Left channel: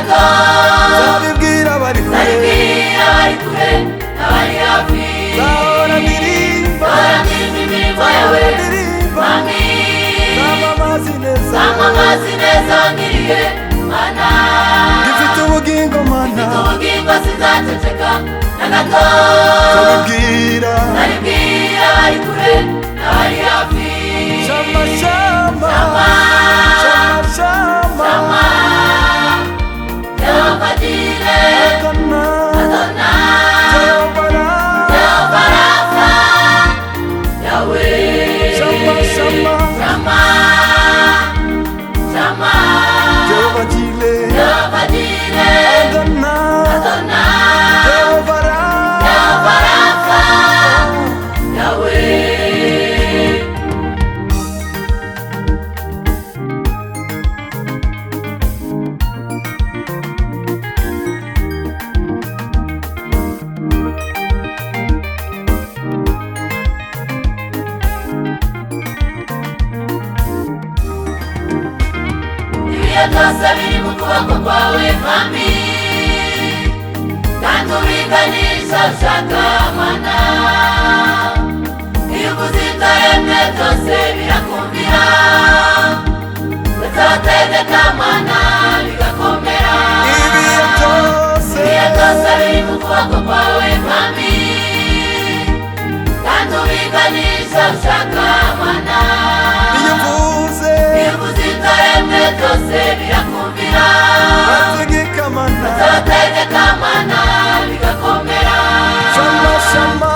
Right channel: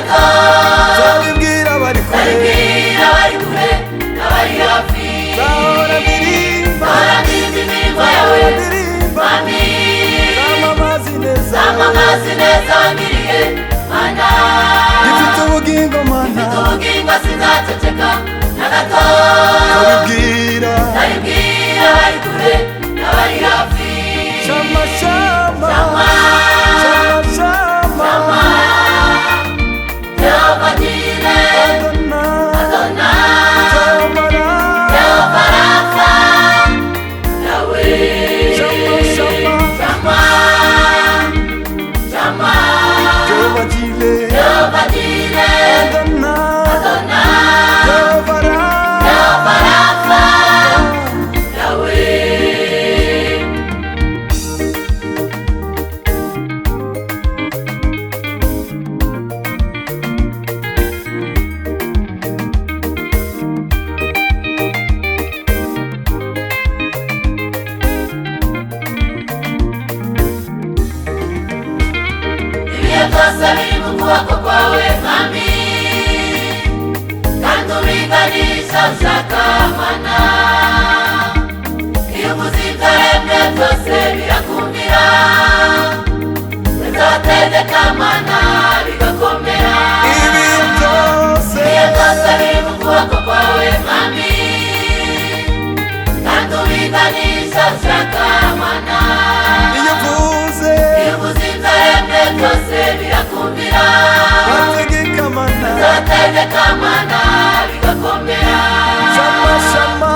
nzabibwira abari kure nzahora ndirimba nzamamaza ineza yawe gifite ubugingo mana nzabibwira shama shama shama shama Adona Jehovah Rafa shama shama Jehovah Jireh Adona Jehovah Rafa Biri mu kuboko kwawe mwami kandi ubiganisha ushaka mana iyo ubuzima yemye byose birakumira uzategeka mana bigakomera ibihe byose biri mu kuboko kwawe mwami kandi ubiganisha ushaka mana iyo uvuze wategeka mana bigakomera shama shama